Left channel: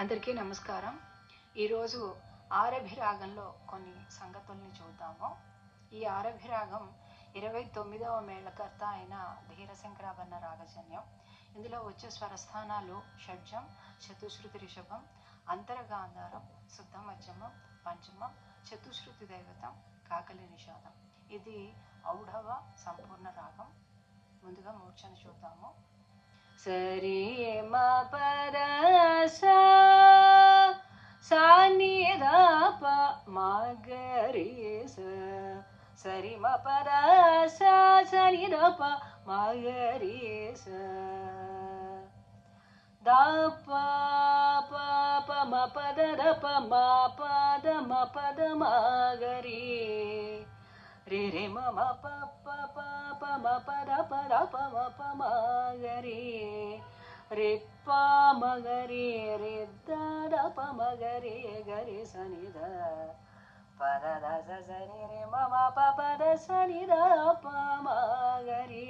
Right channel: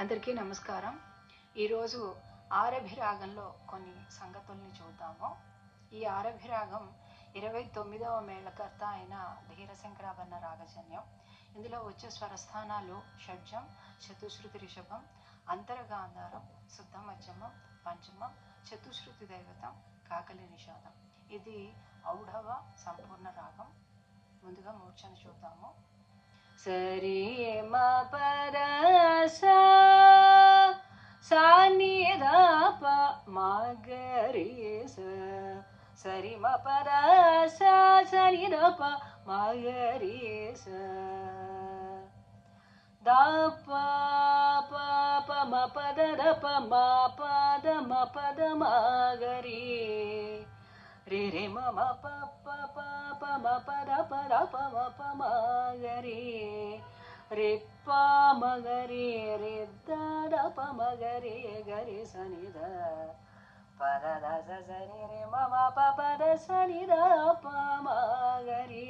అందరికీ నమస్కారం. ఈరోజు ఆరభిరాగంలో కొన్ని సంగతుల్ని చూద్దాము. ఈ ఆరభిరాగం 29వ మేళకర్త అయిన ధీరశంకరాభరణ రాగజన్యం. ఇందులో వచ్చే స్వరస్థానాలు షడ్జం, చతుశ్రుతి రిషభం, అంతరగాంధారం, శుద్ధ మధ్యమం, పంచమం, చతుశ్రుతి దైవతం, కాకలి నిషాదం. ఇది ఔఢవ సంపూర్ణ రాగం. ముందుగా మూర్ఛను చూద్దాము. సరి మ పద సా ని ద ప మ గ రి స. సరి మ పద సా సరి ద ప మ గ రి స. ద ప ప ప మ పద ద ప మ పద మ పద మ గ రి. రి రి మ మ ప ప ప ప మ ప ద ప మ ప మ గ రి. రి ప మ గ రి రి ద ద ప మ గ రి గ రి స ని ద ప ద ద స స రి రి మ మ ప ప ద స ని ద ప మ గ రి.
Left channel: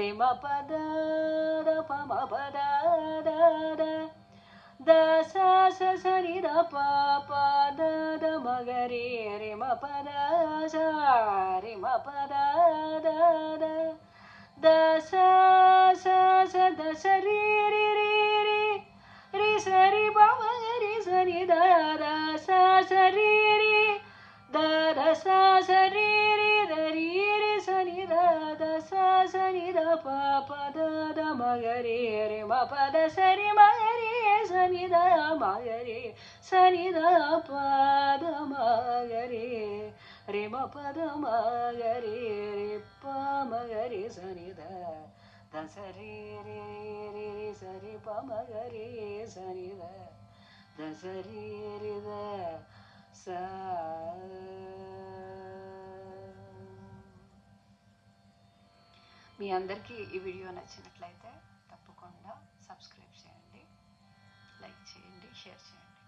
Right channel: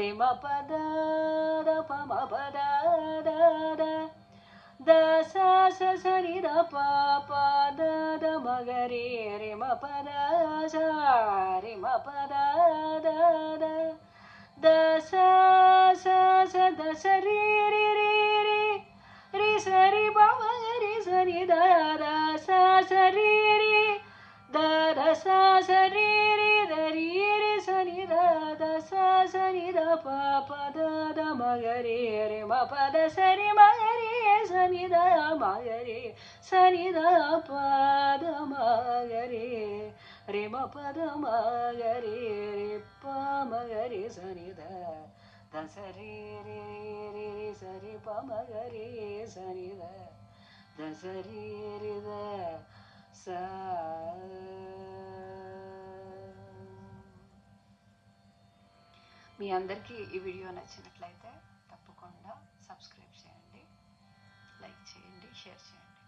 రి మ ప ద ద ప మ ప ద ద ద ద స స స ని ద ప ప ద ద మ గ రి. రి మ ప ద స రి మ ప ద ద ద ద స స స ద స రి రి రి రి రి స రి ప మ గ రి స ని ద ద స స రి రి ద ద స స రి రి ద రి రి స ని ద ద స స ని ద ప ప ద ద మ గ రి. రి మ ప ద స రి మ గ రి స ని ద మ గ రి స ని ద ప ద మ గ రి. రి మ ప ద మ గ రి రి ప మ గ రి స ని ద ద స రి రి రి రి స రి ప మ గ రి స ని ద ద స రి రి ద స. మీ అందరికీ ఈ వీడియో నచ్చినట్లయితే తప్పకుండా సబ్స్క్రైబ్ చేయండి, లైక్ చేయండి, షేర్ చేయండి.